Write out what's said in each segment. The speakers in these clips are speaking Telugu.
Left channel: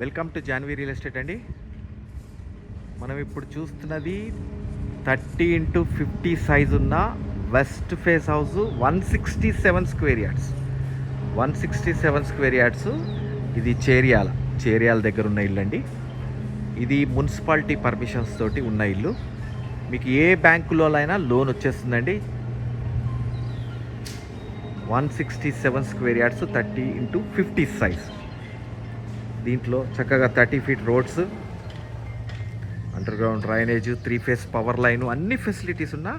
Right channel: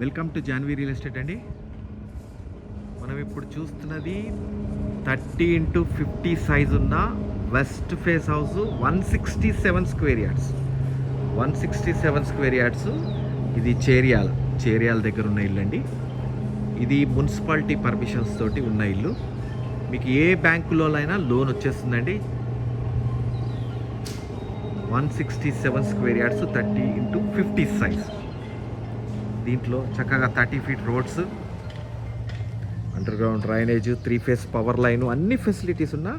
Welcome to Janvi real estate అండి. మనం ఇప్పుడు చూస్తున్నది థర్టీ ఇంటూ ఫిఫ్టీ సైజ్ ఉన్న west face house one sixty seven square yards. One sixty seven square yards. ఇది చేరియాల్ చేరియాల్ దగ్గర ఉన్న ఇల్లు అండి. ఇది మున్సిపాలిటీ పర్మిషన్స్ తోటి ఉన్న ఇల్లు. మీకు ఏ బ్యాంకులో అయినా లోన్ వచ్చేస్తుందండి. One sixty seven square yards thirty into fifty size. దీంట్లో చక్కగా thirty feet roads underground drainage three phase power line అన్ని ఫెసిలిటీస్ ఉన్న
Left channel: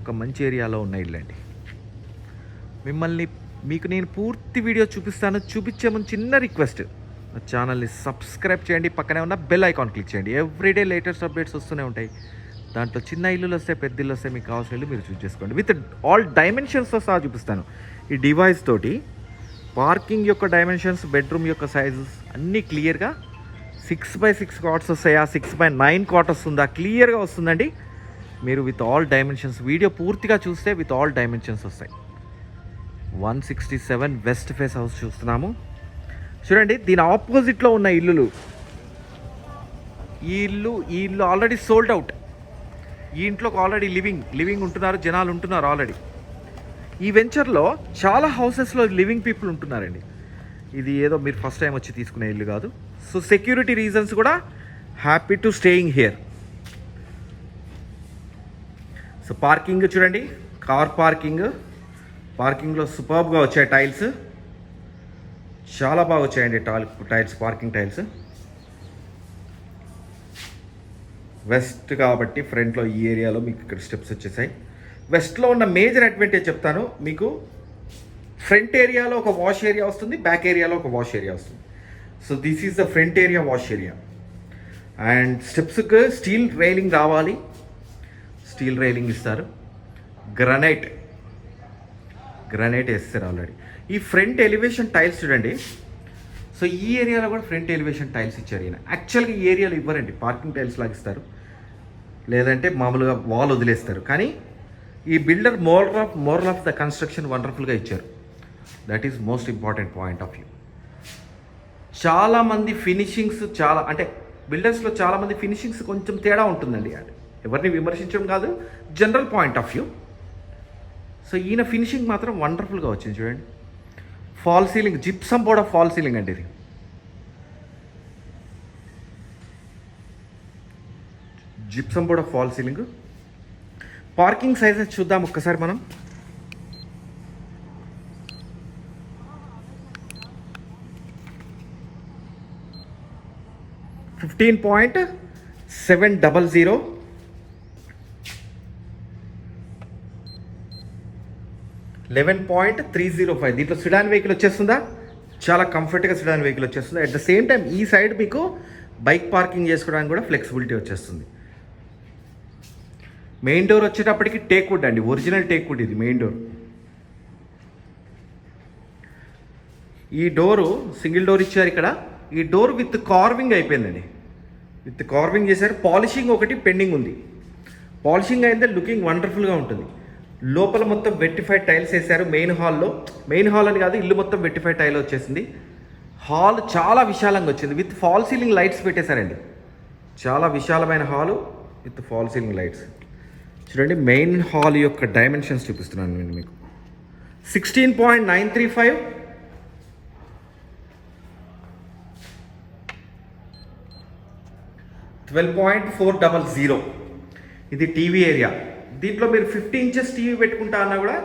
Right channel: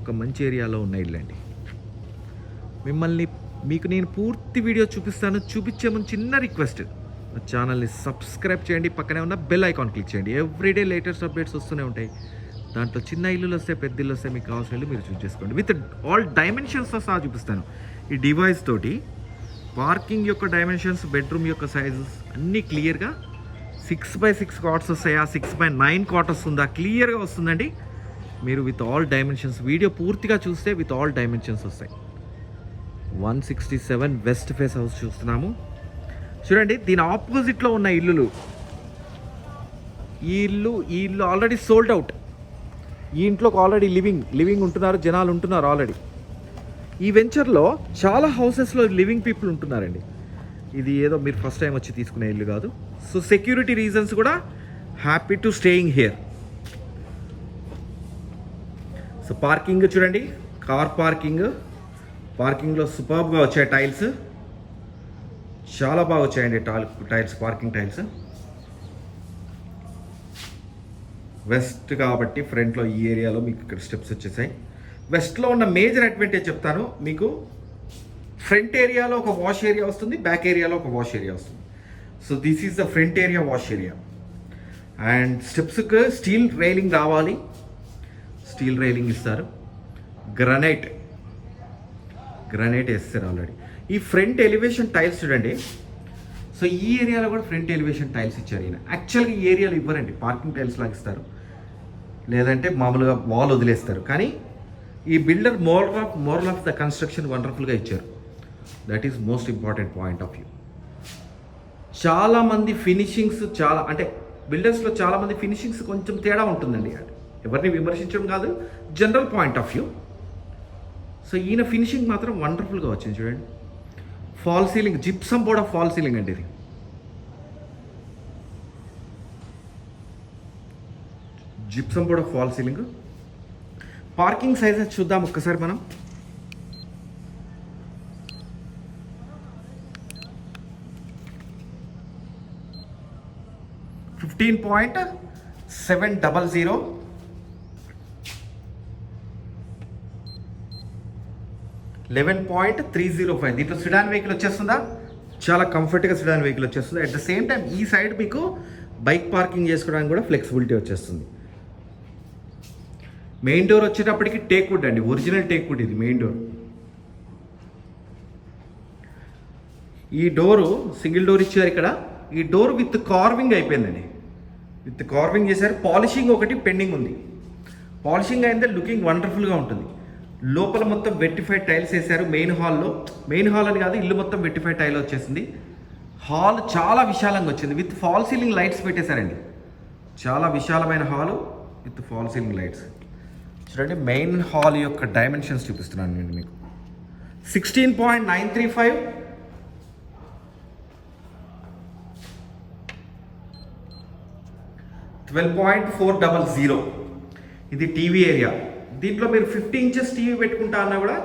ఒక మంచి ఏరియాలో ఉన్న ఇల్లు అండి మిమ్మల్ని మీకు నేను పూర్తి వీడియో చూపిస్తాను. చూపించే ముందు చిన్న రిక్వెస్ట్ ఛానల్ని సబ్స్క్రైబ్ చేయండి. పక్కనే ఉన్న బెల్ ఐకాన్ క్లిక్ చేయండి. ఎవ్రీడే లేటెస్ట్ అప్డేట్స్ వస్తూనే ఉంటాయి. దాంట్లో చిన్న ఇల్లులు వస్తాయి పెద్ద ఇల్లు వస్తాయి మీకు కావాల్సిన ఇల్లు మీరు చూస్ చేసుకోండి. విత్ ఆల్ డైమెన్షన్స్తో సహా చూపిస్తాను. ఈ డివైస్ తోటి పార్కింగ్ యొక్క డైమెన్షన్స్ బెడ్రూమ్ యొక్క సైజెస్ అన్నీ క్లియర్గా సిక్స్ బై సిక్స్ కాట్స్ వస్తాయా? సిక్స్ బై నైన్ కాట్ వస్తుందా? క్లియర్గా వస్తుందండి. మీరు విత్ ఆల్ డైమెన్షన్స్ వీడియో పూర్తిగా చూస్తే విత్ ఆల్ డైమెన్షన్స్ వస్తాయి. One sixty seven west face house చూస్తున్నాము. చూడండి దీని ఆపోజిట్లో ఉన్న ఇల్లులు. ఈ ఇల్లు ఈ ఇల్లు ఆల్రెడీ సోల్డ్ అవుట్ ఈ ఇంట్లోకి ఆల్రెడీ లివింగ్ లివింగ్ ఉంటున్నారు జనాలు ఉంటున్నారు ఆల్రెడీ ఈ వెంచర్లో చాలా హౌసెస్లో లివింగ్ పీపుల్ ఉంటున్నారండి. ఇది ఏదో మీరు ఫస్ట్ టైం వచ్చి తీసుకునే ఇల్లు కాదు. సో సెక్యూరిటీ రీజన్స్ కూడా happy to staying here. So parking చూడండి. Car parking. పార్కింగ్లో సూపర్గా వచ్చాయి టైల్స్. చాలా బాగా వచ్చాయండి tall tiles parking tiles. West కాబట్టి ఫ్రంట్లో ఈ ఏరియాలో మీకు ఇక్కడ స్టెప్స్ వచ్చేసాయి. వెస్ట్లో ఉన్న మేజర్ అడ్వాంటేజ్ చెప్తాను. మీకు ఫ్రంట్ ఏరియాలో ఒక వాష్ ఏరియా వస్తుంది బ్యాక్ ఏరియాలో ఒక వాష్ ఏరియా వస్తుంది. So this is the front area wash area. And స్టెప్స్కి steel railing కావాలి. స్టీల్ రైలింగ్ ఇస్తారు. గ్రనైట్. గ్రనైట్ వేస్తారు ఆల్రెడీ. ఈ ఫ్రంట్ ఎలివేషన్ టైల్స్ చూడండి. సో ఈ ఏరియాలో కూడా ఫ్రంట్ ఎలివేషన్ టైల్స్ ఇచ్చారు ఈయన. యాక్చువల్గా ఈ ఏరియాలో ఇవ్వరండి. పార్కింగ్ టైల్స్ లాగా ఇస్తారు. లేదంటే మామూలుగా వాల్ వదిలేస్తారు. కానీ ఈ builder moral of moral of the construction వండర్ఫుల్గా ఇచ్చారు. That is most important point of view చాలామంది ఫినిషింగ్స్ చాలా అంటే బిల్డర్స్లో చాలామంది ఫినిషింగ్స్ కొంచెం తేడా ఉంటుందండి ఎవరిని విమర్శించడం కాదు general point of view so ఈయన ఫినిషింగ్ మాత్రం వండర్ఫుల్గా వచ్చింది చూడండి. ఫాల్ సీలింగ్ జిప్సం కూడా ఫాల్ సీలింగ్ అండి ఇది. జిప్సం కూడా ఫాల్ సీలింగ్ పార్కింగ్ సైజెస్ చూద్దాం ఒక్కసారి మనం. Fifteen point seven double zero. Eleven point three zero five. దీంట్లో సిడాన్ వెహికల్ వచ్చేస్తుందా? చాలా కంఫర్ట్గా సిడాన్ వెహికల్ వచ్చేస్తుంది? అట్ ద సేమ్ టైం ఈ సైడ్ మీకు బైక్ పార్కింగ్ చేసుకోవడానికి కూడా ఫ్లెక్సిబిలిటీ వచ్చేస్తుంది. మెయిన్ డోర్ వచ్చేటప్పటికి టేక్ వుడ్ అండి. ఒరిజినల్ టేక్ వుడ్ ఇది మెయిన్ డోర్. ఈ డోరు సింగిల్ డోర్ ఇచ్చారు ఇక్కడ. ఈ డోర్ విత్ కార్వింగ్ అయిపోయిందండి. విత్ కార్వింగ్ చేశారు. పాలిషింగ్ ఒకటి పెండింగ్ ఉంది. పాలిషింగ్ అయితే లుకింగ్ వండర్ఫుల్గా ఉంటుంది. లోపల మొత్తం వెట్టిఫైడ్ టైల్స్ వేశారు మెయిన్ హాల్లో. మెయిన్ హాల్ అని కాదు ఇల్లు మొత్తం వెట్టిఫైడ్ టైల్ వచ్చేసింది. హాల్ చాలా విశాలంగా వచ్చింది. విత్ ఫాల్ సీలింగ్ లైట్స్ పెట్టేశారండి. చాలా విశాలమైన hall with fall ceiling lights. చూడండి మెయిన్ హాల్ యొక్క డైమెన్షన్స్ చూపిస్తున్నాను నేను మీకు. Sixteen point nine three five twelve point four double zero ఇది టీవీ ఏరియా దీంట్లో మీరు ఫిఫ్టీ ఇంచెస్ టీవీ పెట్టుకుంటా అన్నా కూడా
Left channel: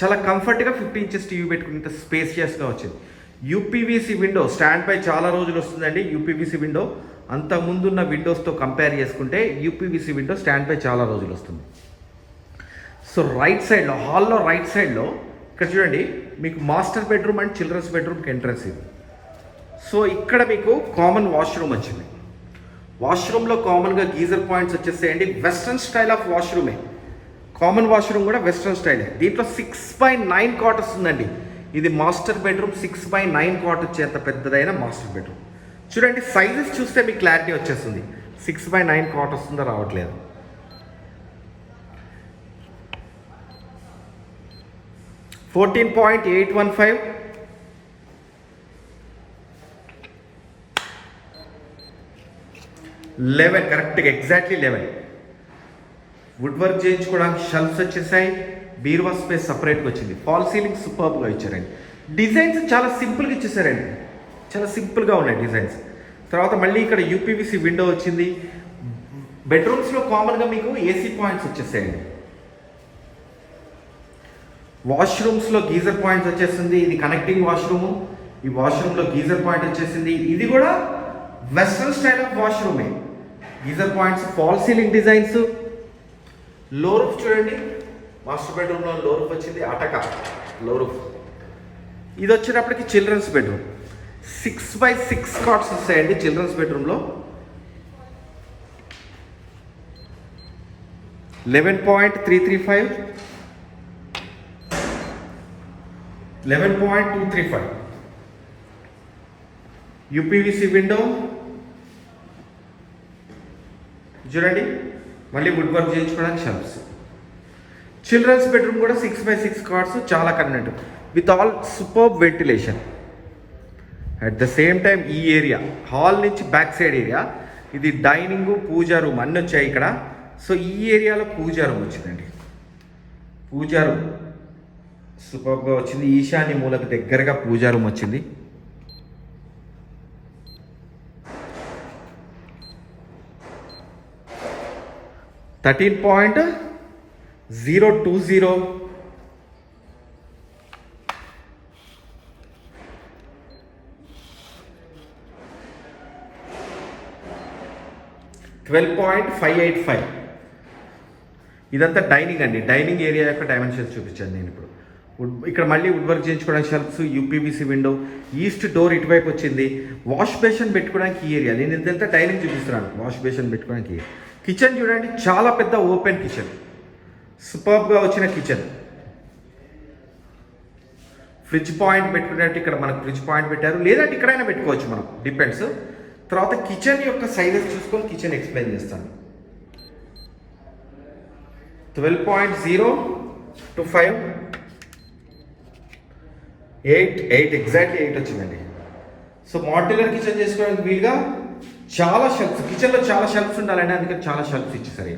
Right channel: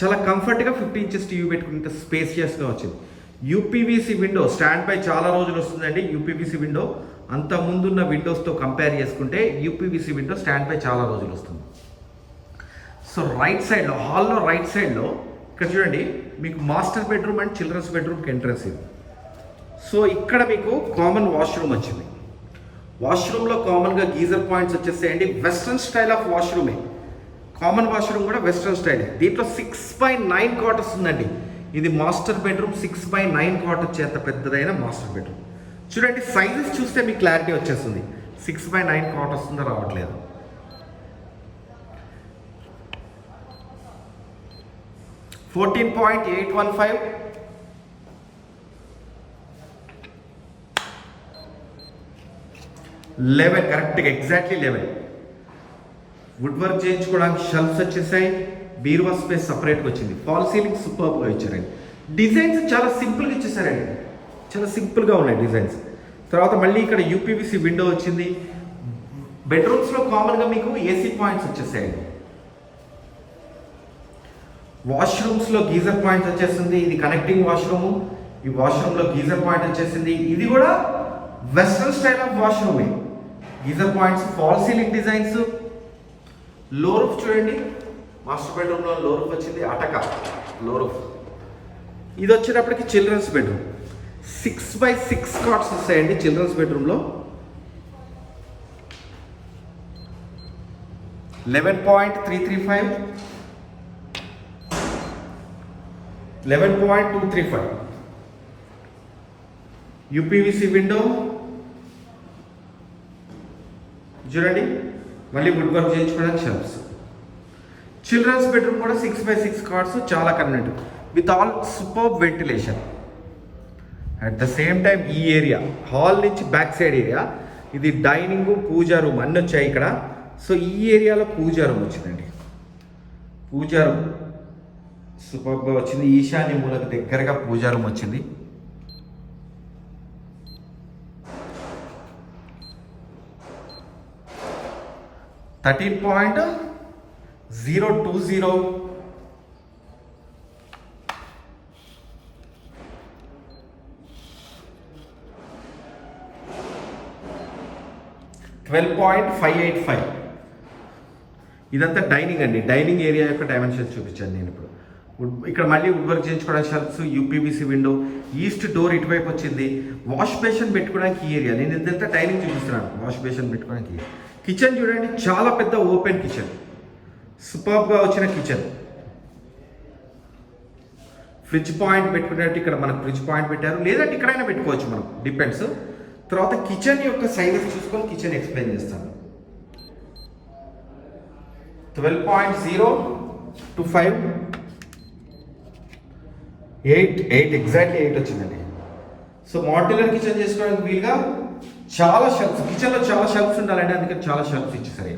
చాలా కంఫర్ట్గా ఫిఫ్టీ ఇంచెస్ టీవీ పెట్టుకుంటే స్పేసియస్గా వచ్చింది. యూపీవీసీ విండో స్టాండ్ పై చాలా రోజులు వస్తుందండి యూపీవీసీ విండో అంత ముందున్న విండోస్తో కంపేర్ చేసుకుంటే యూపీవీసీ విండో స్టాండ్ పై చాలా రోజులు వస్తుంది. సో రైట్ సైడ్లో హాల్లో రైట్ సైడ్లో ఇక్కడ చూడండి మీకు మాస్టర్ బెడ్రూమ్ అండ్ చిల్డ్రన్స్ బెడ్రూమ్కి ఎంట్రన్స్ ఇది. సో ఇక్కడ మీకు కామన్ వాష్రూమ్ వచ్చింది. వాష్రూమ్లో కామన్గా గీజర్ పాయింట్స్ వచ్చేసేయండి వెస్ట్రన్ స్టైల్ ఆఫ్ వాష్రూమే కామన్ వాష్రూమ్ కూడా వెస్ట్రన్ స్టైల్ దీంట్లో సిక్స్ బై నైన్ క్వార్టర్స్ ఉందండి ఇది master bedroom six by nine quarters చేత పెద్దదైన మాస్టర్ బెడ్రూమ్ చూడండి సైజెస్ చూస్తే మీకు క్లారిటీ వచ్చేస్తుంది. సిక్స్ బై నైన్ కాట్ వస్తుందో రావట్లేదు. Fourteen point eight one five eleven కరెక్ట్గా ఎగ్జాక్ట్లీ లెవెన్ వుడ్ వర్క్ చేయించుకోవడానికి షెల్ఫ్స్ వచ్చేసాయి. బీరువా స్పేస్ సపరేట్గా వచ్చింది. ఫాల్ సీలింగ్ సూపర్గా ఇచ్చారండి. డిజైన్స్ చాలా సింపుల్గా ఇచ్చేసారండి. చాలా సింపుల్గా ఉన్నాయి డిజైన్స్. తర్వాత మళ్ళీ ఇక్కడ యూపీవీసీ విండో వచ్చింది. బెడ్రూమ్స్లో కామన్గా మీకు ఏసీ పాయింట్స్ వచ్చేసాయండి. వాష్రూమ్స్లో గీజర్ పాయింట్స్ వచ్చేసింది. ఇది కనెక్టింగ్ వాష్రూమ్. ఈ వాష్రూమ్లో గీజర్ పాయింట్ వచ్చేసింది. ఇది కూడా western style of వాష్రూమే. Geyser points fall ceiling designs. Low roof చూడండి. మాస్టర్ బెడ్రూమ్లో లో రూఫ్ వచ్చింది. అటక. Low roof. ఇది వచ్చేటప్పటికి children's bedroom. Six by six cots వస్తాయండి చిల్డ్రన్స్ బెడ్రూమ్లో eleven point three three five eleven point two three five UPVC window చూడండి. మళ్ళీ గుడ్ వర్క్ చేయించుకోవడానికి షెల్ఫ్స్ చిల్డ్రన్స్ బెడ్రూమ్ కూడా సిక్స్ బై సిక్స్ కార్డ్స్ చాలా convenient with all super ventilation at the same time ఈ ఏరియా హాల్ నుంచి బ్యాక్ సైడ్ ఏరియా ఇది డైనింగ్ పూజా రూమ్ అన్నీ వచ్చాయి ఇక్కడ. సో ఈ ఏరియాలో పూజా రూమ్ వచ్చిందండి. పూజా రూమ్ సూపర్గా వచ్చింది. ఈశాన్య మూలకు దగ్గరగా పూజా రూమ్ వచ్చింది. Thirteen point zero two zero twelve point five eight five ఇదంతా డైనింగ్ అండి. డైనింగ్ ఏరియా యొక్క డైమెన్షన్స్ చూపించాను నేను ఇప్పుడు. ఇక్కడ మళ్ళీ వుడ్ వర్క్ చేయించుకోవడానికి shelves UPVC window east door ఇటువైపు వచ్చింది. వాష్ బేషన్ పెట్టుకోవడానికి ఈ ఏరియా నేను ఇదంతా డైనింగ్ చూపిస్తున్నాను. వాష్ బేషన్ పెట్టుకోవడానికి కిచెన్ చూడండి చాలా పెద్ద ఓపెన్ కిచెన్ సూపర్గా వచ్చిన కిచెన్ ఫ్రిడ్జ్ పాయింట్ పెట్టుకునేట్టు ఇక్కడ మనకు ఫ్రిడ్జ్ పాయింట్ పెట్టారు. లేదంటే ఇక్కడైనా పెట్టుకోవచ్చు మనం. డిపెండ్స్ తర్వాత కిచెన్ యొక్క సైజెస్ చూసుకొని కిచెన్ ఎక్స్ప్లెయిన్ చేస్తాను. Twelve point zero two five eight eight exactly eight వచ్చిందండి. సో మాడ్యులర్ కిచెన్ చేసుకోవడానికి వీలుగా చాలా షెల్ఫ్స్ కిచెన్లో చాలా షెల్ఫ్స్ ఉండాలంటే అందుకని చాలా షెల్ఫ్స్ ఇచ్చేసరి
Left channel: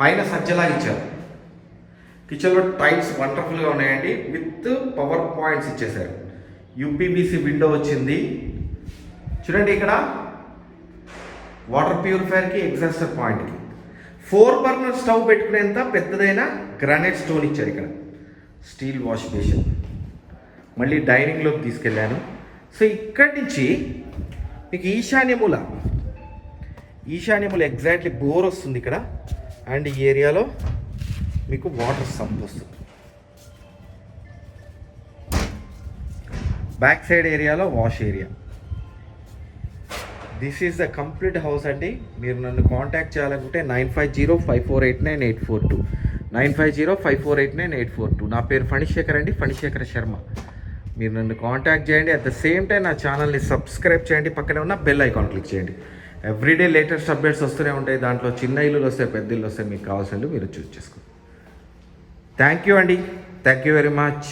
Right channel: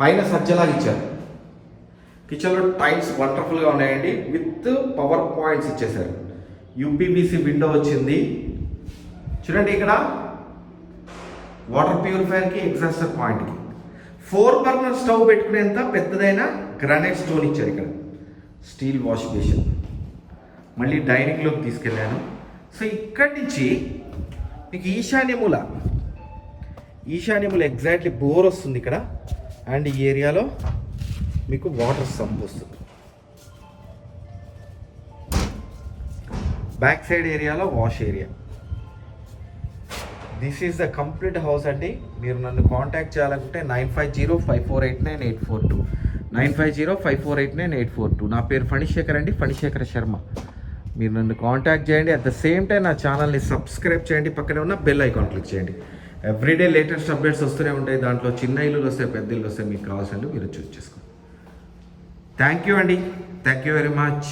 పైన సజ్జలాగా ఇచ్చారు. కిచెన్లో టైల్స్ వండర్ఫుల్గా ఉన్నాయండి. విత్ పవర్ పాయింట్స్ ఇచ్చేసారు యూపీబీసీ విండో వచ్చింది. చూడండి ఇక్కడ. వాటర్ ప్యూరిఫైయర్కి ఎగ్జాస్టర్ పాయింట్కి. ఫోర్ బర్నర్ స్టవ్ పెట్టుకునేంత పెద్దదైన గ్రానైట్ స్టోన్ ఇచ్చారు ఇక్కడ. స్టీల్ వాష్ బేసిన్ మళ్ళీ డైనింగ్లోకి తీసుకెళ్ళాను. సో ఇక్కడి నుంచి మీకు ఈశాన్యముల ఈశాన్యమూల ఎగ్జాక్ట్లీ బోర్ వస్తుంది ఇక్కడ. అండ్ ఈ ఏరియాలో మీకు వాటర్ సంప్ వస్తుంది. బ్యాక్ సైడ్ ఏరియాలో wash area. This is the complete house అండి. మీరు నన్ను కాంటాక్ట్ చేయాలనుకుంటే nine five zero five four eight nine eight four two. Nine five zero five four eight nine eight four two. నా పేరు ఫణిశేఖర్ అండి ఫణిశేఖర్ శర్మ. మీరు నన్ను కాంటాక్ట్ చేయండి. అట్ ద సేమ్ టైం నా ఛానల్ని సబ్స్క్రైబ్ చేయండి. పక్కనే ఉన్న బెల్ ఐకాన్ క్లిక్ చేయండి. ఎవ్రీడే లేటెస్ట్ అప్డేట్స్ వస్తూనే ఉంటాయి. దాంట్లో చిన్న ఇల్లులు వస్తాయి పెద్ద ఇల్లు వస్తాయి మీకు కావాల్సిన మీరు చూస్ చేసుకోండి థ్యాంక్ యూ అండి. Thank you very much